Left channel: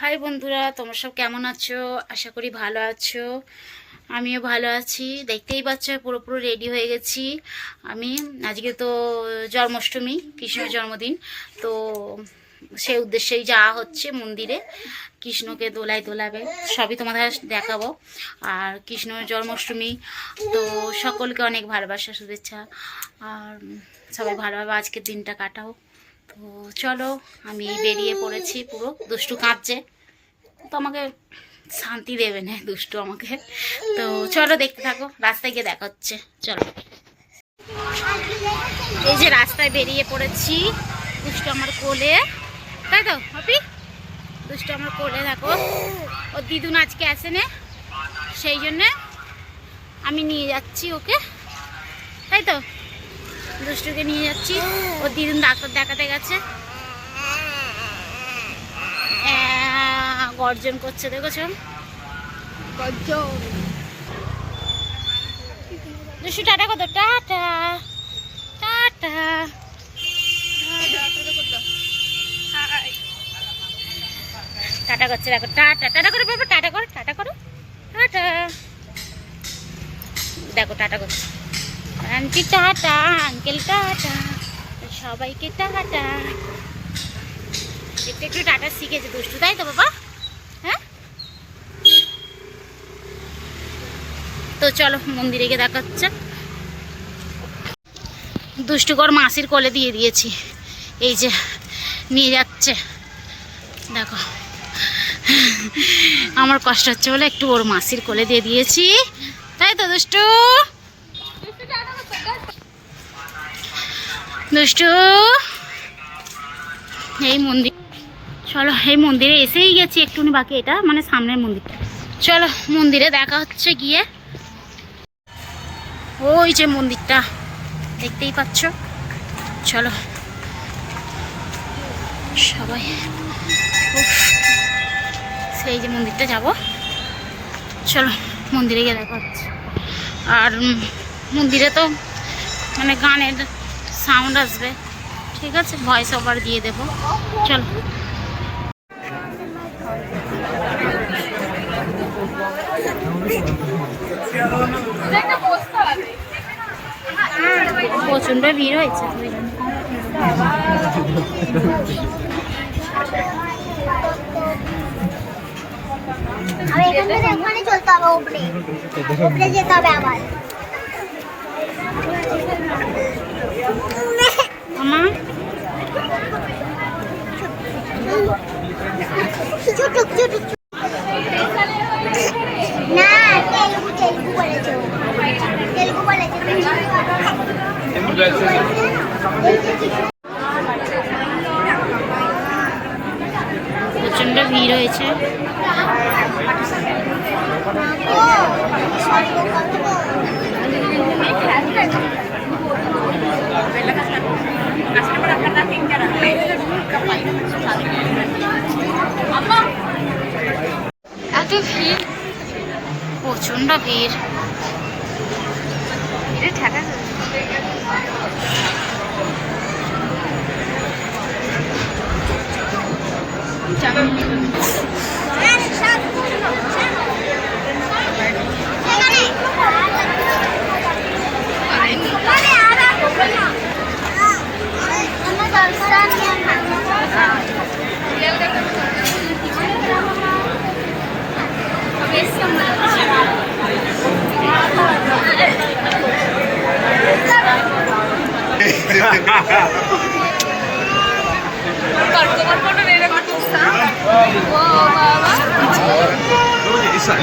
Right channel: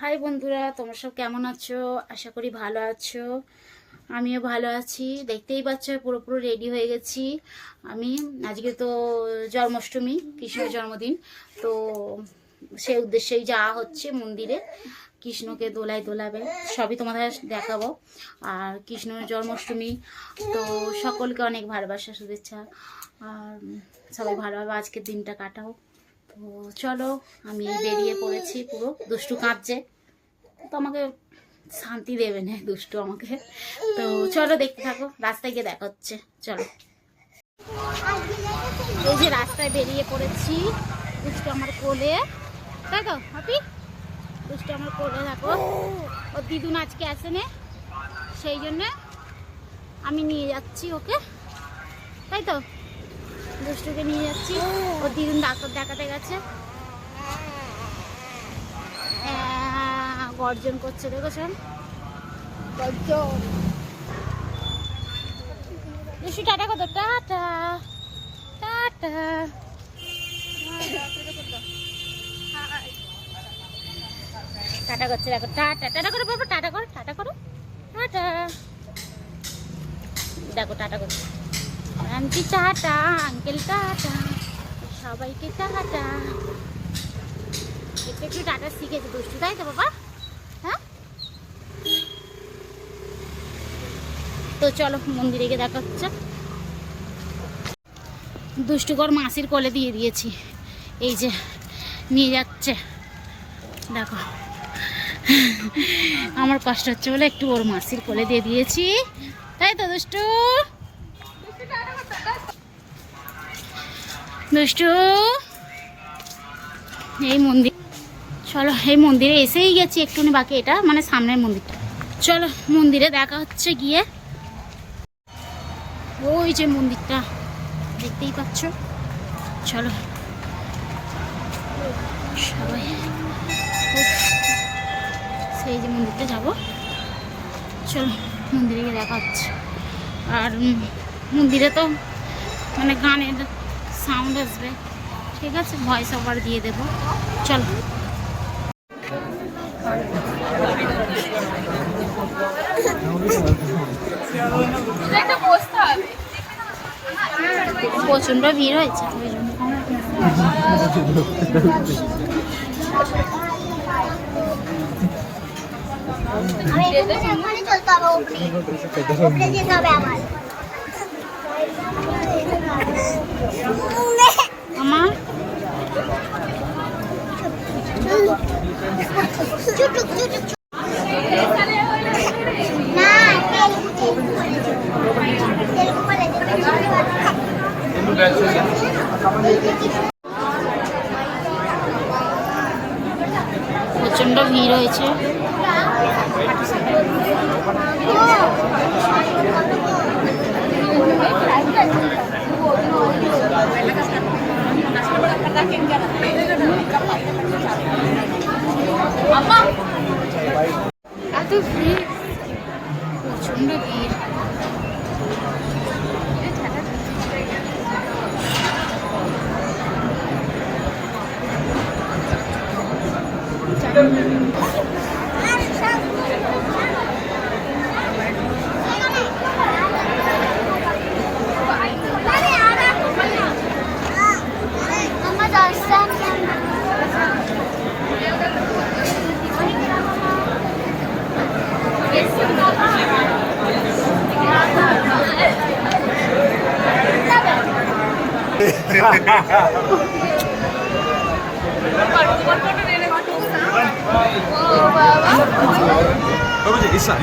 High বন্ধুরা, তোমরা সব কেমন আছো? আশা করি ভালো আছো। আমিও ভালো আছি। দেখতেই পাচ্ছ পুরো পুরো রেডি হয়ে গেছি। আমি, আজকে তো জন্মাষ্টমী, কৃষ্ণের জন্মদিন। তো সেই উদ্দেশ্যেই যাওয়া হচ্ছে মন্দিরে। কৃষ্ণকে দোলায় দোলাবে, সবই তোমাদের দেখাবো। আর কৃষ্ণ জন্মাষ্টমী, তো সকলকে অনেক ভালোবাসা, শুভেচ্ছা। আর সবাই ভালোভাবে আজকের দিনটা কাটাও। তো চলো, আমি বেরিয়ে পড়েছি পুরো। দুষ্টু কাঁদছে। তো আমাকে শান্তি দেবে না দুষ্টু আমাকে। তো চলো দেখতে থাকো, রাস্তায় গিয়ে দেখা হচ্ছে। চলো। এই যে রাস্তায় বেরিয়ে পড়েছি দুষ্টু আমার কোলে। তাই তো হপি দুষ্টু আমার কোলে, দেখো। ওর দিদুন আজকে আসে না। সেই জন্যে আমি নিয়ে যাচ্ছি ওকে। তাই তো? দুষ্টুকে নিয়ে যাচ্ছি। ওর দিদুন ডাক্তার দেখাতে গেছে। গর্জন করছে দেখেছ দুষ্টু, টাটা কত টাটা টাটা। টাটা করছে, দেখো, টাটা টাটা করে, বাবা, টাটা করো টাটা করো, টাটা। দেখো, টাটা করছে। আন্টি টাটা, আঙ্কেল টাটা, সবাইকে টাটা। একটু একটু টাটা শিখেছে দুষ্টু, তাই তো বাবা? হ্যাঁ? তো চলো মন্দিরে গিয়ে দেখা হচ্ছে দুষ্টুকর মাসির কোলে দিয়ে দিয়েছি। এই যে, নিয়ে যাচ্ছে। দেখো। আমার কষ্ট হচ্ছে বলে একটু ওর মাসির কোলে দিয়ে দিয়েছি। তাই তো দুষ্টু? দুষ্টু এই মন্দির চলো, এই মন্দিরে এসেই গেছি একটুখানি, বাকি এটা মানে সামনের মন্দিরটা। চলো, মন্দিরে দেখা হচ্ছে গিয়ে। ওই যে মন্দিরটা, দেখতেই পাচ্ছ? চলো। সবাই সেই যে মন্দিরটা যাব। চলো, মন্দিরে গিয়ে দেখা হচ্ছে। আর মন্দিরে তো মানে গানের সাউন্ড আসবে। ঠিক আছে? ভয়েস ওভার দিয়ে দেব। চলো। প্রচণ্ড ভিড় হয়েছে। ওই জন্য ওখানে চলতে হবে উপরে উপরে যেতে হবে আবার। প্রচণ্ড ভিড় হয়েছে। এত ভিড়। প্রচণ্ড ভিড়। আমার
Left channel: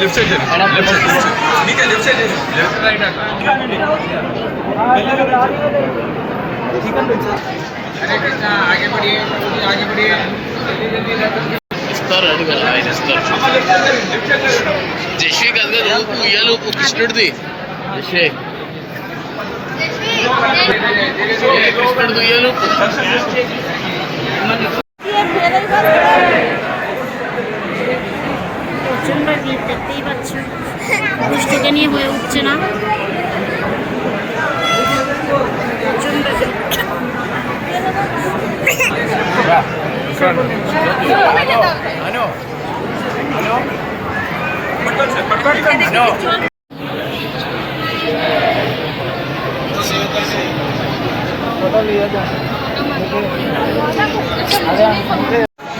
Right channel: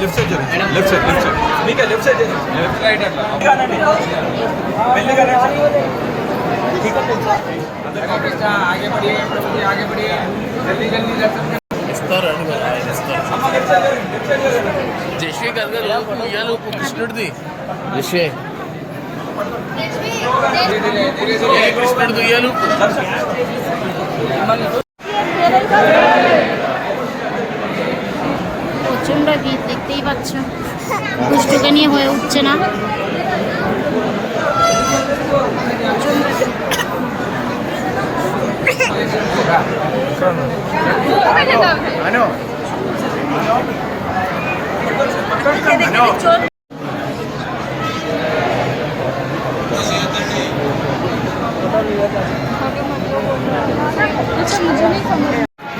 లెఫ్ట్ సైడ్ లెఫ్ట్ సైడ్ నీకే లెఫ్ట్ సైడ్ లెఫ్ట్ రైట్ ఆగే పడియే ఆగే పడియే జల్దీ ఇస్తారు ఆయన ఇస్తారు జశ్వే కాదు కదా ఇయ్యాలి కృష్ణుడిది జశ్వే প্রচণ্ড ভিড় দেখতেই পাচ্ছেন। দুষ্টুকে নিয়ে হয়ে উঠছে না। প্রচণ্ড ভিড়।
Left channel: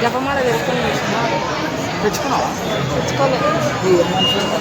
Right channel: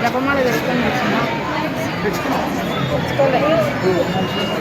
జపమాల వేసుకొని తెచ్చుకోలేదు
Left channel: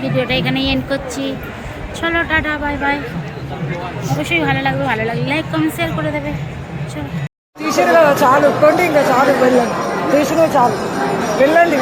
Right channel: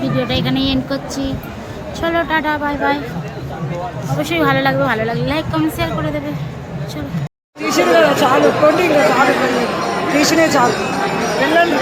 ভিডিওটা এখানেই এন্ড করছি চলো টাটা বাই বাই অবশ্যই ভালো লাগবে ভালো লাগলে লাইক কমেন্ট শেয়ার করে দেবে চলো తీసిన కదా చాలు ట్వంటీ కదా చాలు వెళ్ళండి తీసినే చాలు వెళ్ళండి వెళ్ళండి